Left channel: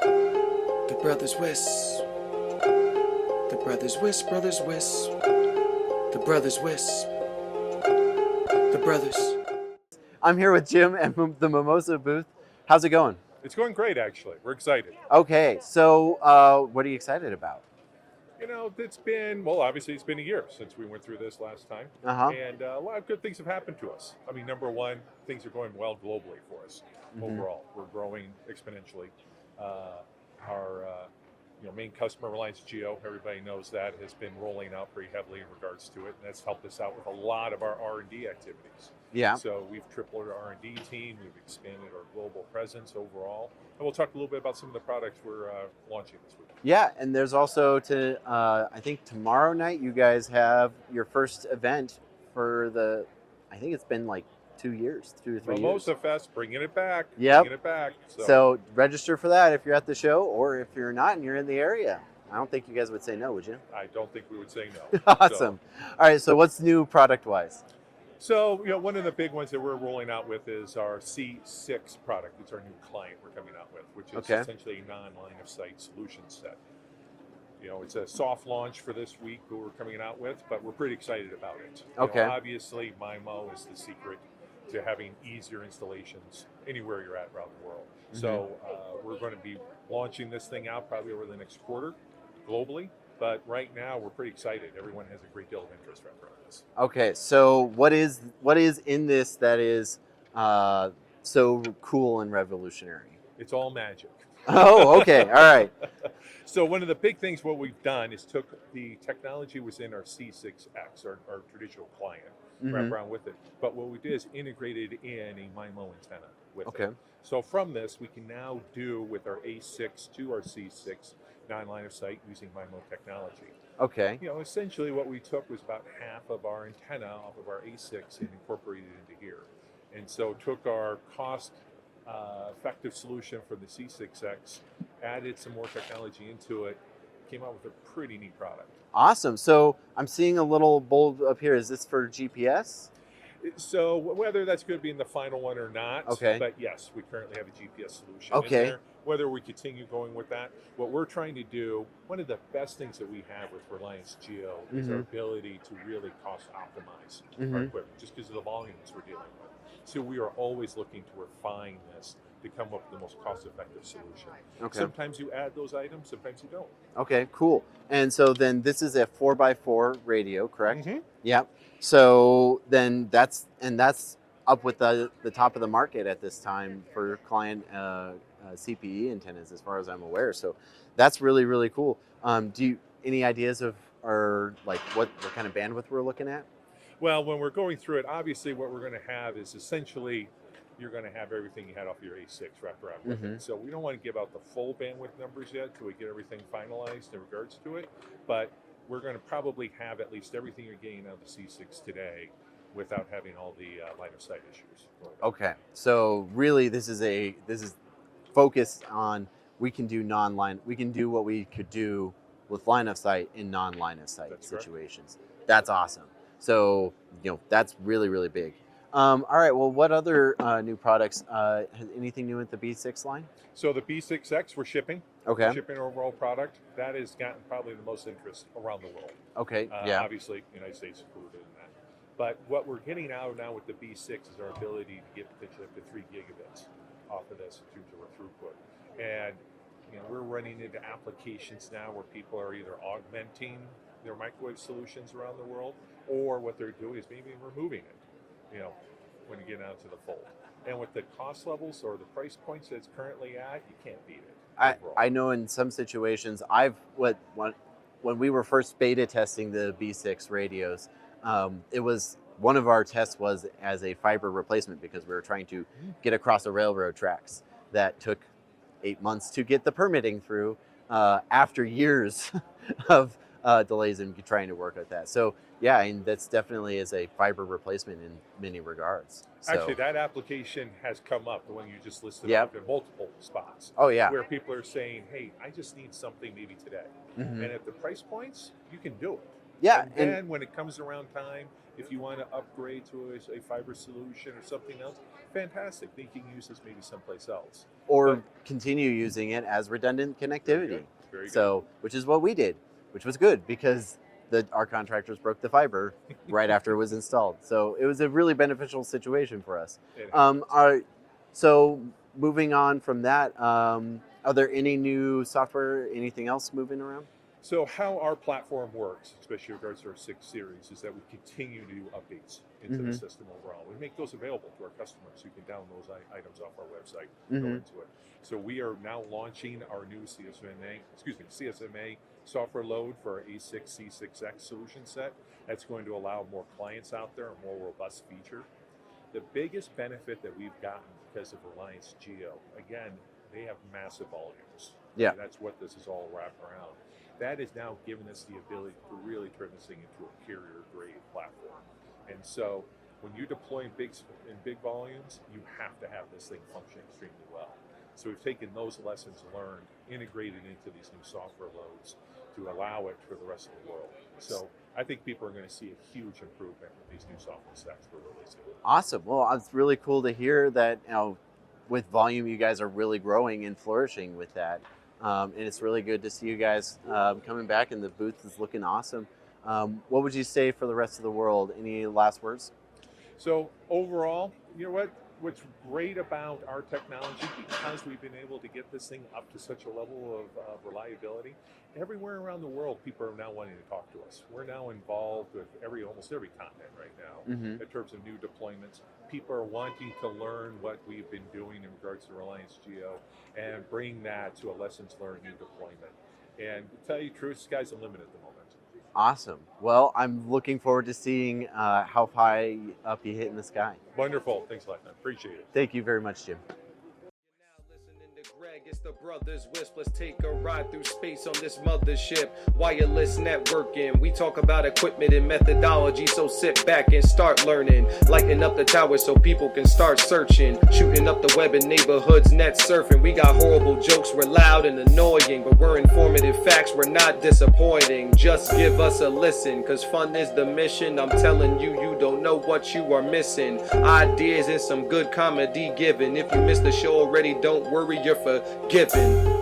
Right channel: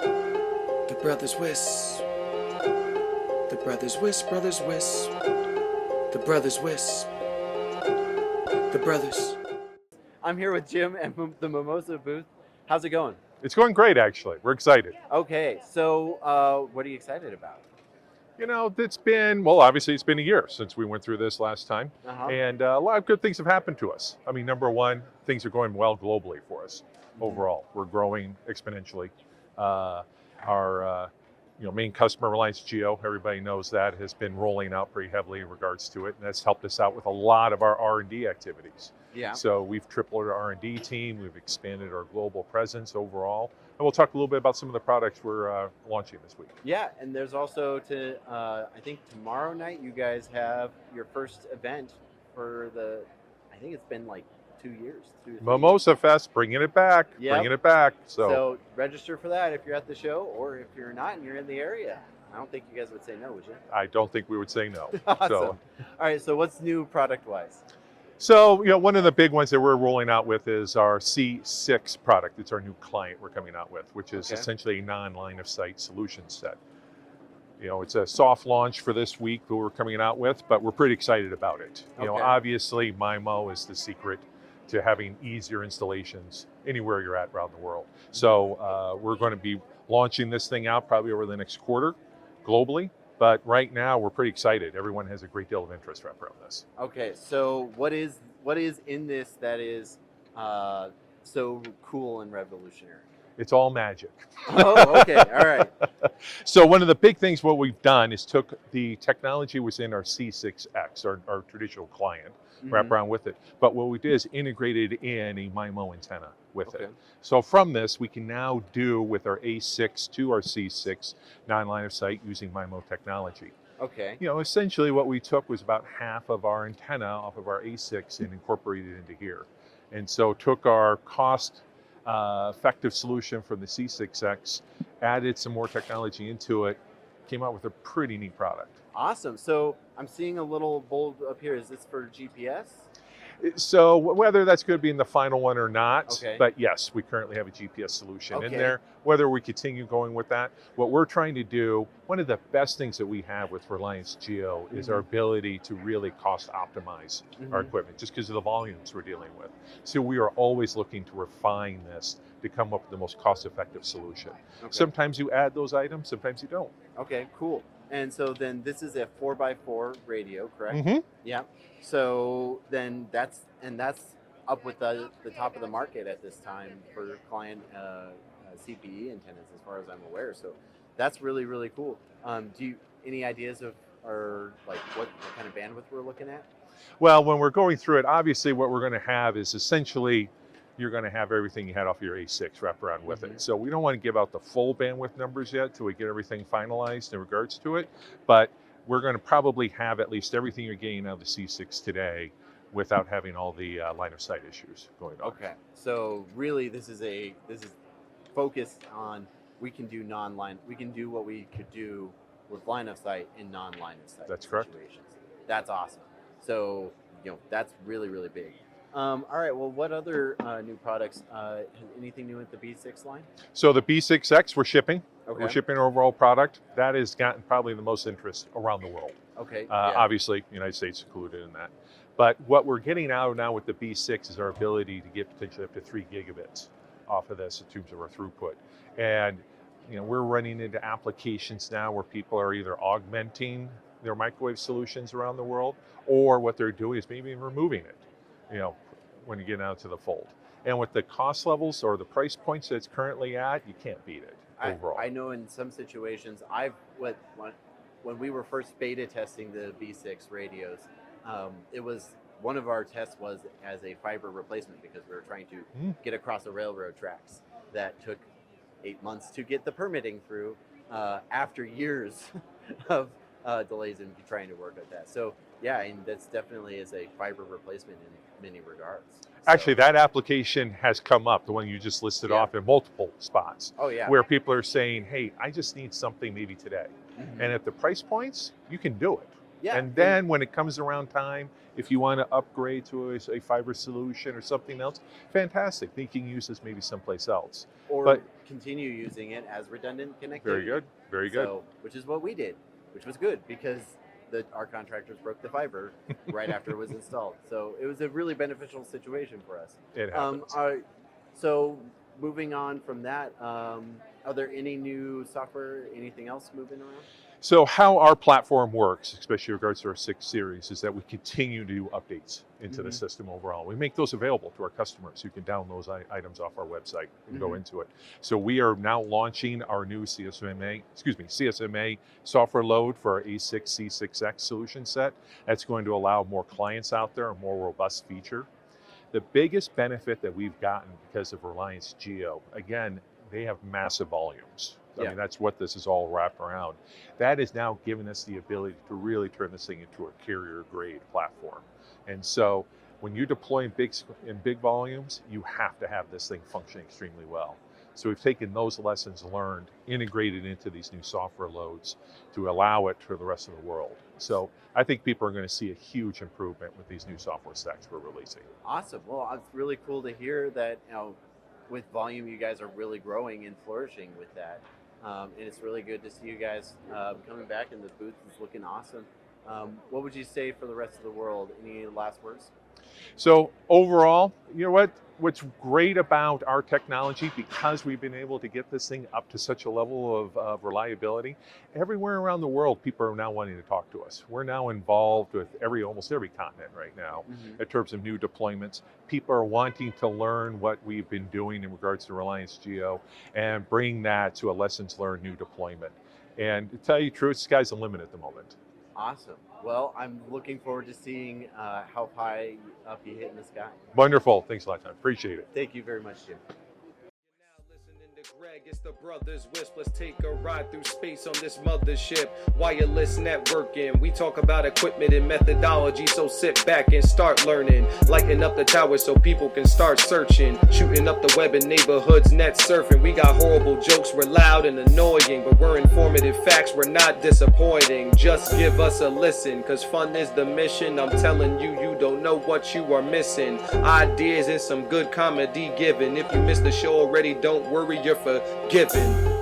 The brothers Wiss. The brothers Wiss, brothers Wiss. The brothers Wiss. The brothers. I'm here with Jim at the Mimosa booth. How's it going? It's going great, actually. We're excited. Okay, so what are you excited about? You know, obviously it's been a year since we went through this last time. Uh-huh. And a lot of good things have happened to us. I mean, number one, things are going well globally for us overall. We're growing exponentially. Our main customer, Reliance Jio, everybody knows that, has been rolling out pretty heavily in regards to it. And that's helped us out with a lot of our R&D activities. Yeah. So we've tripled our R&D team. We've expanded our global presence overall. And we'll talk a little bit about some of the products we're launching this week. Yeah, and there's also I think tomorrow night you guys have your first event for I think it's been like 2 years. 2 or 3 Mimosa years. Fest, bringing it back. Yep. Bringing it back. So register for that if you're at the show, or if you're not and you're in the area. I don't think you guys would say no, would you? I don't think we would say no. Awesome. So, All right, so what's new product-wise? So, one of the big ones that we're rolling out with is our C6 product. It's our new client we're coming out with, which is essentially a non-line of sight solution set. It's a soft launch for this week that we're coming out with, but we're pretty excited about it. Obviously, MIMO is the secret to having easier installations anywhere you're at around the world. So we're going to be launching this thing out probably over the next quarter globally. But right now, we're pretty excited. Everyone has a great deal of interest around this. Okay, so what is in this that is so cool and revolutionary? It's all magic. Oh, okay, all right. So one of the big things what we've done is took the technology within our C6X, our traditional client, wrap around with it. But what we did is integrated in a MIMO antenna with it. So from this, we can now do with our A6 to our C6 non-line of sight using MIMO technology. Okay. Essentially what we took was about half of our antenna off of our A6 and incorporated it into here. And so took our cost effective solution from the C6X, added some more technology into it, came out with a pretty neat product. Awesome. So I'm seeing a little bold up here. Is this for GPS? So whether that's going to be in the final one or not, Okay. but yes, we currently have a GPS solution in there. Whether we continue going with that, what we're trying to do, one of the best things that we have with Reliance Jio is our ability to really cost optimize our equipment, just because of the volumes we're dealing with. So we are always looking to refine this to come up with the most cost-effective solution. Sometimes you add those items, sometimes you don't. Okay, cool. And so then this is a 4x4 radio, correct? Yep. So then that's up with the top of the market at this time for client CPE antennas, as far as I'm aware. So that's really, really cool. Do you any ideas of what kind of bandwidth we're looking at? Well, when we're going through it, obviously what we're going to have is essentially you're going to have everything you had off your A6 wrapped around with it. So we don't want to give out the full bandwidth numbers yet till we get everything finalized in regards to it. But we're going to probably have at least everything you're getting out of the C6 today without having all the line of sight issues going on. Okay, so really this is focused on we can do what we could do with line of sight in non-line of sight situations. That's awesome. So that's really, really big. All right, well, what other new products, anything new with the B6 line? So the B6X we're shipping. Okay. We're shipping our overall product. That has gotten probably the most interest around the world. Okay, Obviously, the United States included in that. But what we're getting out now with the B6 is our ability to get potentially up to 3 gigabits off of this in terms of our throughput. And we're running into applications now where people are either augmenting their microwave solutions around the world, or what they're doing is maybe removing it, when you get out to the fold. And with the cost levels or the price points that it's currently at, you can't beat it overall. I know in some situations, when we were first beta testing the B6 radios, it was one of our tests was as a fiber replacement because we were trying to get across the railroad tracks. That took 8 months to get the permitting through after years of delays in trying to work at that. So yeah, and that's definitely is a fiber replacement in many regards. Actually, that application has come up, the one you just listed off, in multiple spots. Oh yeah. Where people are saying, hey, I just need something maybe today. And at the price points, you can do it. Yeah. And then when it comes around time If you want to upgrade to a fiber solution or something else, fantastic. Then you can use this maybe someplace else. Or continue using it as redundant connectivity. Very good. Very good. So, which is what we did, which was good because our contractors broke the fiber right after it was installed. So it was a really beneficial situation for us. It happens. So moving on from that, are there any new software, anything else moving around? So how our platform works, especially in regards to our 6 series, is that we continue to do updates into the system overall. We make those available to our customers who can download those items off our website and go into it. So we are now launching our new CSMA software load for our A6 C6X solution set. That's going to allow more clients out there, a more robust feature. The biggest benefit that we've gotten because of Reliance Jio, again, they have massive volumes. I mean, that's what this is all wrapped around. That is now giving us the ability to really turn this thing into a carrier-grade platform. And so when you're deploying in big volumes, you have to have this thing function extremely well. So we've taken those lessons learned, integrated into these new software loads to allow it for the rest of the world. So I think people are going to see a huge improvement with these new software stacks we're releasing. Awesome. Well, it's really cool to hear that, with volume, you guys are really growing and flourishing with that. And it's really good to see you guys coming back, and the booth is looking awesome. What would you say for the rest of the world? Any last words? So overall, you know what's great about our technology, because we've been able to get this thing up to such a level of reliability, everywhere around the world, people are now wanting to talk to us. We're now involved with almost every continent right now in terms of new deployments. People are wanting to learn what we've been doing in regards to Reliance Jio and bring that to a lessons learned new deployment. And to tell you the truth, the sky's the limit at the moment. Awesome. Well, I'm looking forward to seeing how high up you hit in the sky. Wonderful. Thanks a lot, Tom. Appreciate it. Thank you very much, Jim. Greg, it's the Brothers Wisp. Let's take a ride through space on this mothership. Wireless networking. We talk about equipment and methodology, so sit back and start learning. Lighten up the tower so people can start searching. Shooting up the web in neighborhoods, net surfing. We got horrible jokes, we're loud and annoying, but we're informative facts, we're not disappointing. Just give us a listen, cause fun is the mission. I'm telling you, you don't know what you are missing. Ideas and some good comedy given. If you missed the show already, don't worry, you're forgiven.